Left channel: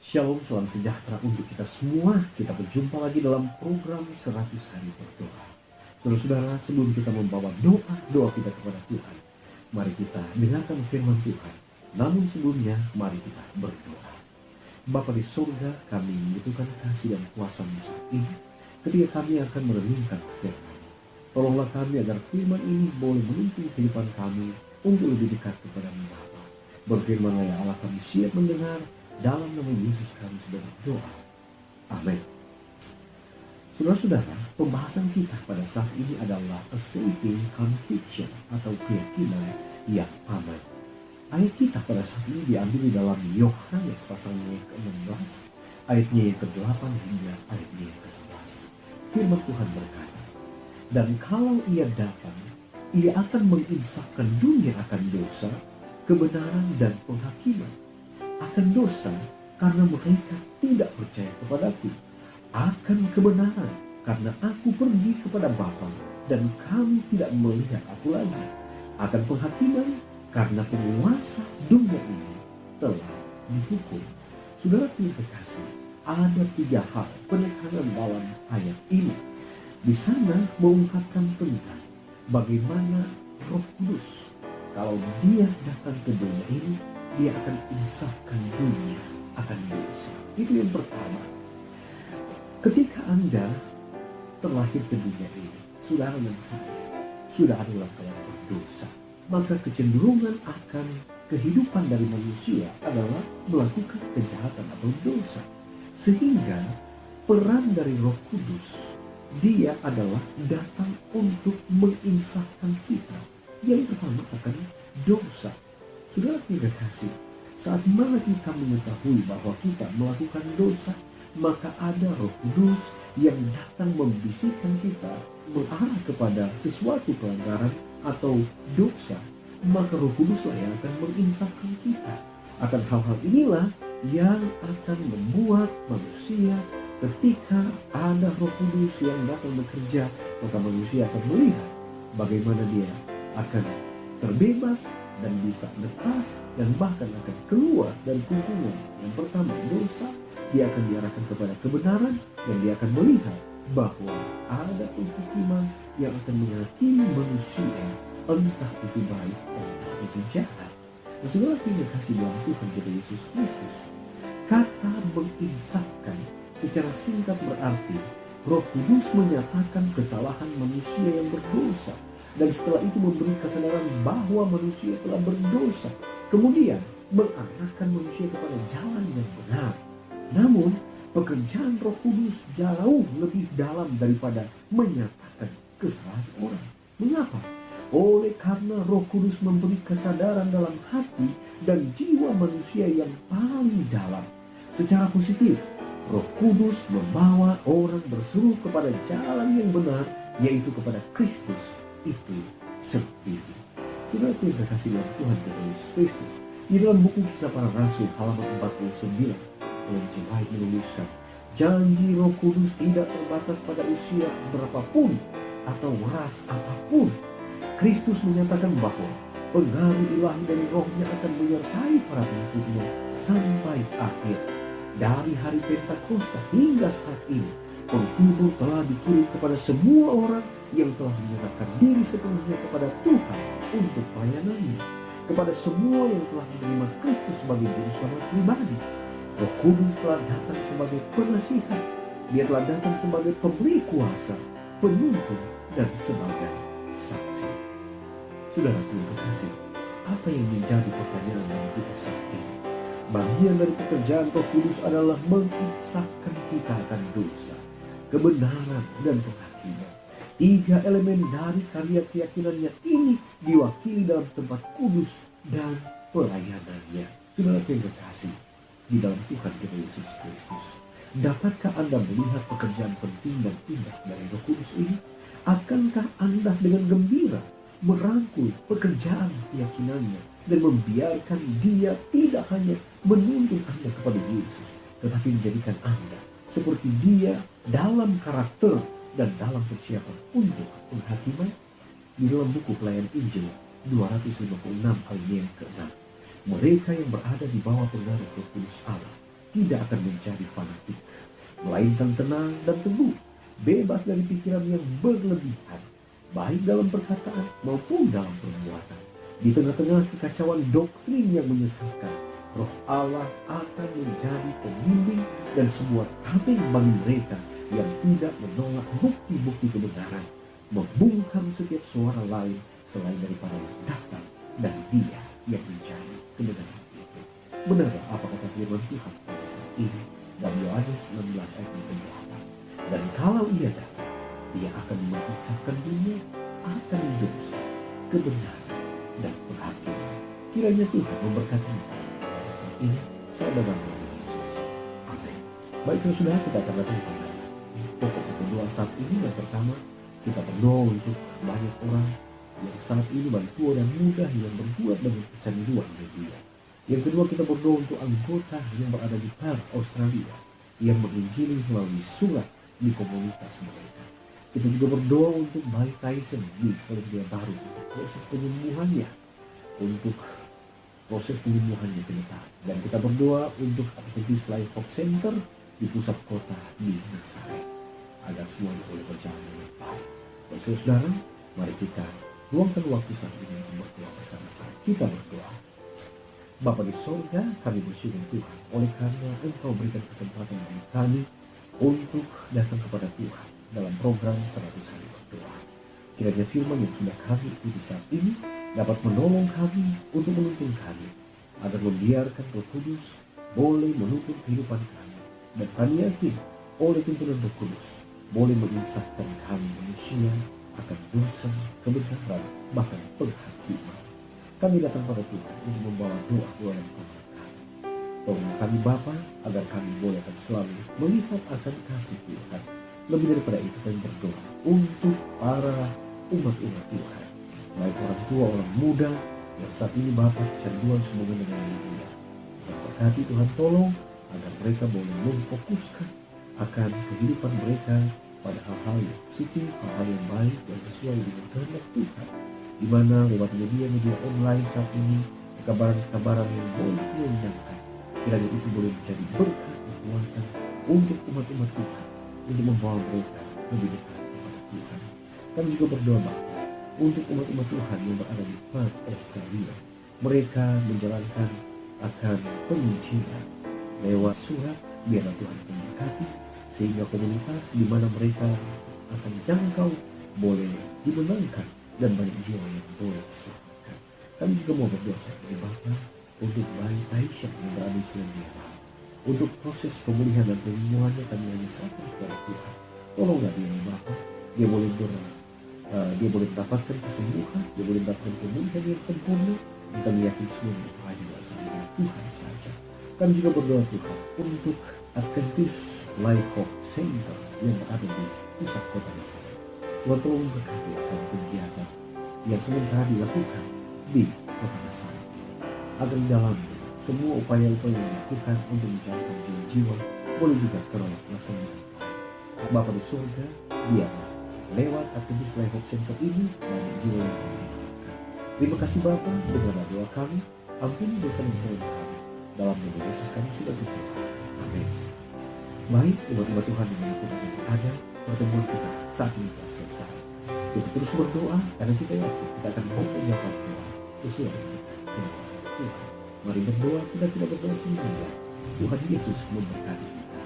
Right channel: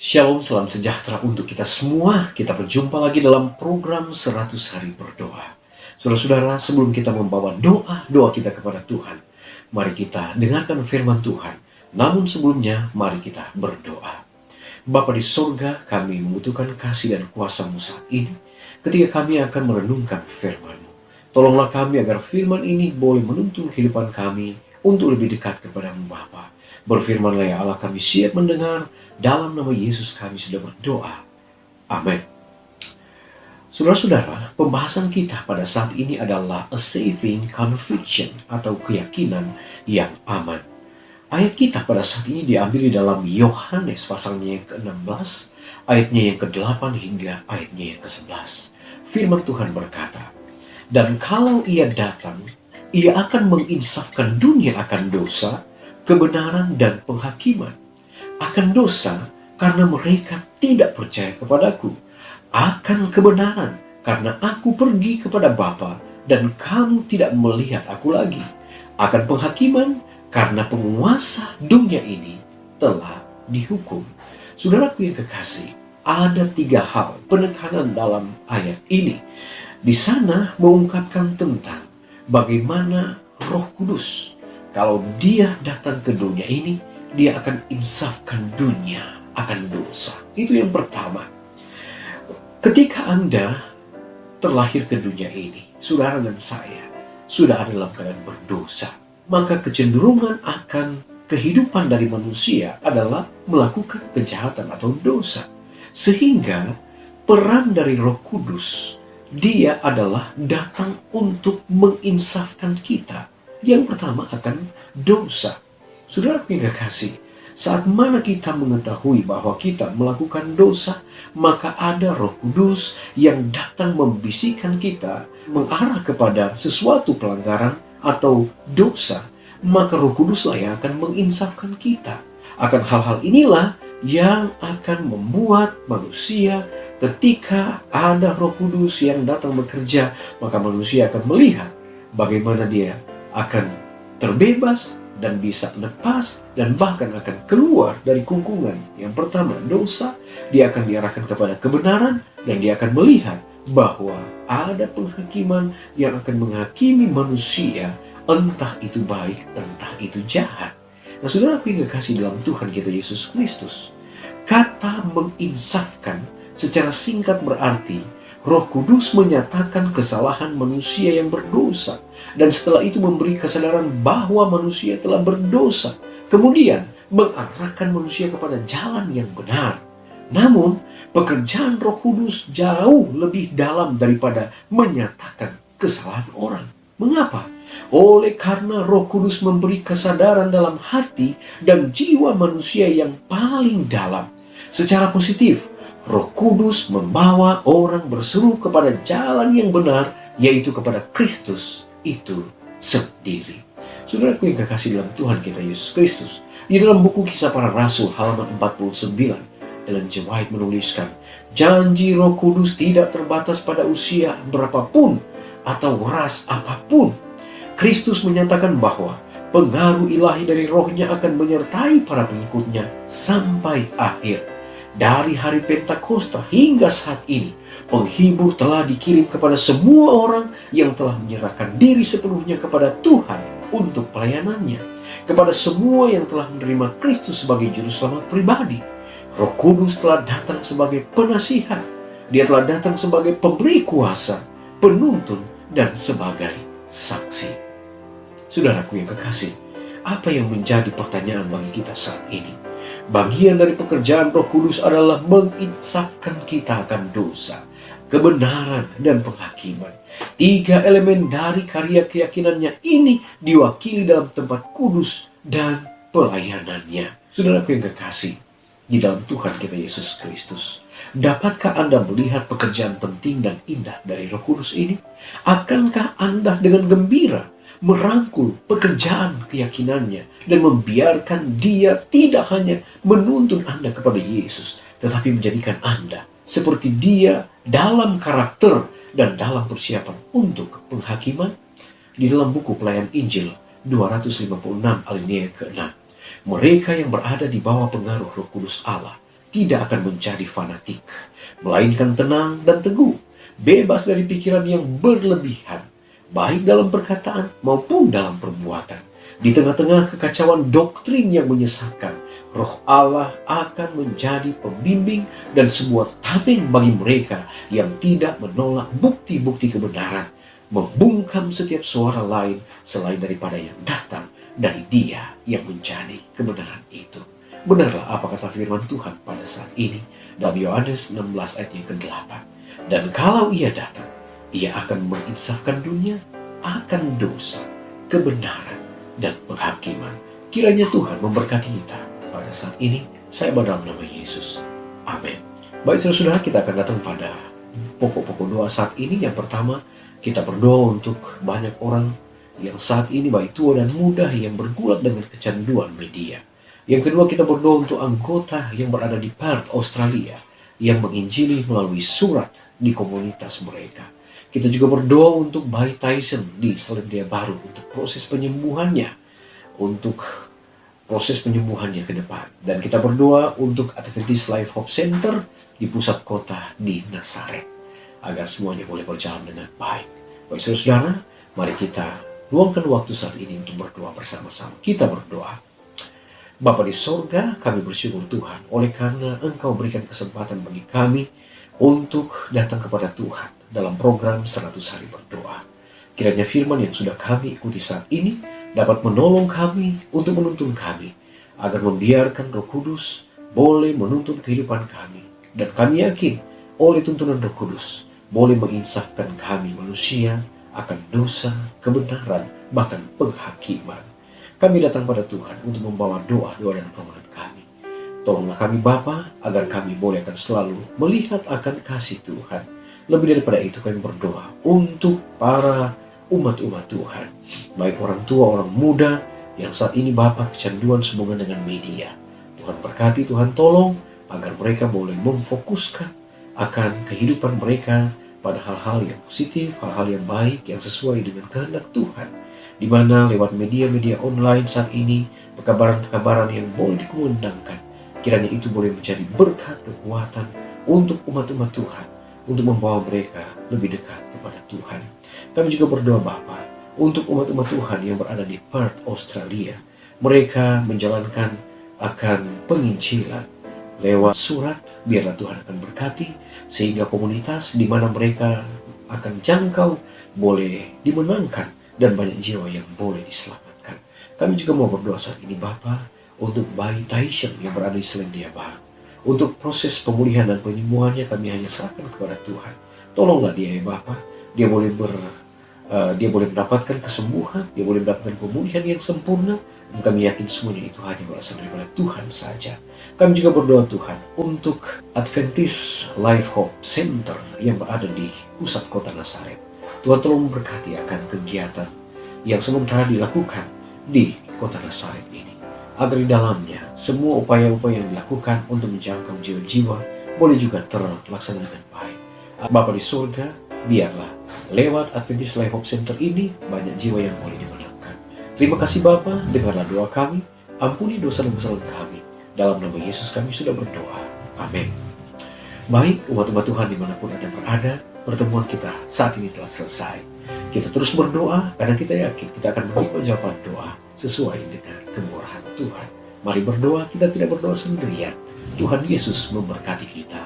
Shalom, salam sejahtera untuk kita semua. Kita berjumpa lagi dalam program 100 Hari Berdoa. Saudara-saudara, sebelum kita membawa doa kita kepada Tuhan, mari kita dengarkan firman Tuhan. Namun sebelumnya, mari kita berdoa. Bapa di sorga, kami membutuhkan kasih dan kuasa-Mu saat ini, ketika kami akan merenungkan firman-Mu. Tolonglah kami agar firman ini boleh menuntun kehidupan kami untuk lebih dekat kepada-Mu Bapa. Berfirmanlah ya Allah, kami siap mendengar. Dalam nama Yesus kami sudah berdoa. Amin. Saudara-saudara, pembahasan kita pada saat ini adalah a saving conviction atau keyakinan yang aman. Ayat kita pada saat ini diambil di dalam Yohanes pasalnya yang ke-16, ayatnya yang ke-8 hingga ayatnya yang ke-11. Firman Tuhan berkata, "Dan kalau ia datang, ia akan menginsafkan dunia akan dosa, kebenaran dan penghakiman. Akan dosa karena mereka tidak percaya kepadaku, akan kebenaran karena aku pergi kepada Bapa dan kamu tidak melihat aku lagi, akan penghakiman karena penguasa dunia ini telah dihukum." Saudaraku yang kekasih, ada 3 hal penekanan dalam ayat ini. Di sana mengungkapkan tentang bagaimana Roh Kudus, kalau dia datang ke dunia ini, dia akan insafkan dunia akan dosa. Itu yang pertama. Ketika Anda terlahir ke dunia ini, saudara dan saya sudah ada dalam keadaan berdosa, maka kecenderungan akan kehidupan dari manusia adalah melakukan kejahatan atau dosa. Sehingga peran dari Roh Kudus, dia adalah datang untuk menginsafkan kita. Yang pertama akan dosa. Saudara yang kekasih, saat mana kita mengetahui bahwa kita melakukan dosa, maka ada Roh Kudus yang datang membisikkan kita mengarah kepada sesuatu pelanggaran atau dosa. Maka Roh Kuduslah yang akan menginsafkan kita. Akan hal-hal inilah yang akan membuat manusia, ketika ada Roh Kudus yang datang bekerja, maka manusia akan melihat bagaimana dia akan terbebas dan bisa lepas dan bahkan akan keluar dari kungkungan. Yang pertama dosa, dia akan diarahkan kepada kebenaran dan dia akan melihat bahwa ada penghakiman yang akan menghakimi manusia, entah itu baik, entah itu jahat. Nah, saudara yang kekasih dalam Tuhan kita Yesus Kristus, kata menginsafkan secara singkat berarti Roh Kudus menyatakan kesalahan manusia yang berdosa, dan setelah itu memberi kesadaran bahwa manusia telah berdosa, kemudian mengarahkan manusia kepada jalan yang benar. Namun, pekerjaan Roh Kudus jauh lebih dalam daripada menyatakan kesalahan orang. Mengapa? Oleh karena Roh Kudus memberi kesadaran dalam hati dan jiwa manusia yang paling dalam. Secara positif, Roh Kudus membawa orang berseru kepada jalan yang benar, yaitu kepada Kristus itu sendiri. Saudaraku yang kekasih dalam Tuhan kita Yesus Kristus, di dalam buku Kisah Para Rasul halaman 49, Ellen G. White menuliskan, janji Roh Kudus tidak terbatas pada usia berapapun atau ras apapun. Kristus menyatakan bahwa pengaruh ilahi dari Roh-Nya akan menyertai para pengikutnya sampai akhir. Dari hari Pentakosta hingga saat ini, penghibur telah dikirim kepada semua orang yang telah menyerahkan diri sepenuhnya kepada Tuhan untuk pelayanannya. Kepada semua yang telah menerima Kristus sebagai juru selamat pribadi. Roh Kudus telah datang sebagai penasihat. Dia telah datang sebagai pemberi kuasa, penuntun, dan sebagai saksi. Saudaraku yang kekasih, apa yang menjadi pertanyaan bagi kita saat ini? Bagian dari pekerjaan Roh Kudus adalah menginsafkan kita akan dosa, kebenaran, dan penghakiman. 3 elemen dari karya keyakinannya ini diwakili dalam tempat kudus dan pelayanannya. Saudaraku yang kekasih, di dalam Tuhan kita Yesus Kristus, dapatkah Anda melihat pekerjaan penting dan indah dari Roh Kudus ini? Akankah Anda dengan gembira merangkul pekerjaan keyakinannya dan membiarkan dia tidak hanya menuntun Anda kepada Yesus, tetapi menjadikan Anda seperti dia dalam karakter dan dalam persiapan untuk penghakiman? Di dalam buku Pelayan Injil 256 alinea ke-6, mereka yang berada di bawah pengaruh Roh Kudus Allah tidak akan menjadi fanatik, melainkan tenang dan teguh, bebas dari pikiran yang berlebihan, baik dalam perkataan maupun dalam perbuatan. Di tengah-tengah kekacauan doktrin yang menyesatkan, Roh Allah akan menjadi pembimbing dan sebuah tameng bagi mereka yang tidak menolak bukti-bukti kebenaran, membungkam setiap suara lain selain daripada yang datang dari Dia yang menjadi kebenaran itu. Benarlah apa kata firman Tuhan pada saat ini dalam Yohanes 16 ayat yang ke-8. Dan kalau Ia datang, Ia akan menginsafkan dunia akan dosa, kebenaran, dan penghakiman. Kiranya Tuhan memberkati kita pada saat ini. Saya berdoa dalam nama Yesus. Amin. Baik saudara, kita akan datang pada pokok-pokok doa saat ini. Yang pertama, kita berdoa untuk banyak orang yang saat ini baik tua dan muda yang bergulat dengan kecanduan media. Yang kedua, kita berdoa untuk anggota yang berada di Perth, Australia, yang menginjili melalui surat di komunitas mereka. Kita juga berdoa untuk bayi Tyson di Selandia Baru untuk proses penyembuhannya, ke depan. Dan kita berdoa untuk Adventist Life Hope Center di pusat kota di Nazaret, agar semuanya boleh berjalan dengan baik. Baik saudara, mari kita luangkan waktu saat ini untuk berdoa bersama-sama. Kita berdoa. Bapa di sorga, kami bersyukur Tuhan oleh karena Engkau berikan kesempatan bagi kami untuk datang kepada Tuhan dalam program 100 hari berdoa. Kiranya firman yang sudah kami ikuti saat ini dapat menolong kami untuk menuntun kami, agar membiarkan Roh Kudus boleh menuntun kehidupan kami. Dan kami yakin oleh tuntunan Roh Kudus boleh menginsafkan kami manusia akan dosa, kebenaran, bahkan penghakiman. Kami datang pada Tuhan untuk membawa doa-doa dan permohonan kami. Tolonglah kami Bapa, agar kami boleh akan selalu melihat akan kasih Tuhan. Lebih daripada itu kami berdoa untuk para umat-umat Tuhan, baik orang tua, orang muda yang saat ini Bapa kecanduan sehubungan dengan media. Tuhan berkati, Tuhan tolong agar mereka boleh memfokuskan akan kehidupan mereka pada hal-hal yang positif, hal-hal yang baik, yang sesuai dengan kehendak Tuhan. Di mana lewat media-media online saat ini, kebenaran yang boleh dikumandangkan, kiranya itu boleh menjadi berkat kekuatan untuk umat-umat Tuhan, untuk membawa mereka lebih dekat kepada Tuhan. Kami juga berdoa Bapa untuk umat-umat Tuhan yang berada di Perth, Australia. Mereka menjalankan akan penginjilan lewat surat. Biarlah Tuhan akan berkati, sehingga komunitas di mana mereka akan jangkau boleh dimenangkan dan banyak jiwa yang boleh diselamatkan. Kami juga mau berdoa saat ini Bapa untuk bayi Tyson yang berada di Selandia Baru. Untuk proses pemulihan dan penyembuhannya kami hanya serahkan kepada Tuhan. Tolonglah dia ya Bapa. Dia boleh mendapatkan kesembuhan, dia boleh mendapatkan pemulihan yang sempurna. Dan kami yakin semuanya itu hanya berasal daripada Tuhan saja. Kami juga berdoa Tuhan untuk Adventist Life Hope Center yang berada di pusat kota Nazaret. Tuhan tolong memberkati akan kegiatan yang sementara dilakukan di kota Nazaret ini, agar di dalamnya semua upaya-upaya yang dilakukan untuk menjangkau jiwa-jiwa boleh juga terlaksana dengan baik. Bapa di surga, biarlah lewat Adventist Life Hope Center ini banyak jiwa yang boleh dimenangkan. Terima kasih Bapa, dengarlah doa kami, ampuni dosa dan kesalahan kami. Dalam nama Yesus kami sudah berdoa. Amin. Baik umat-umat Tuhan dimanapun Anda berada, pertemuan kita saat ini telah selesai. Kita terus berdoa karena kita yakin kita akan menerima jawaban doa sesuai dengan kemurahan Tuhan. Mari berdoa, kita tidak berdoa sendirian. Tuhan Yesus memberkati kita.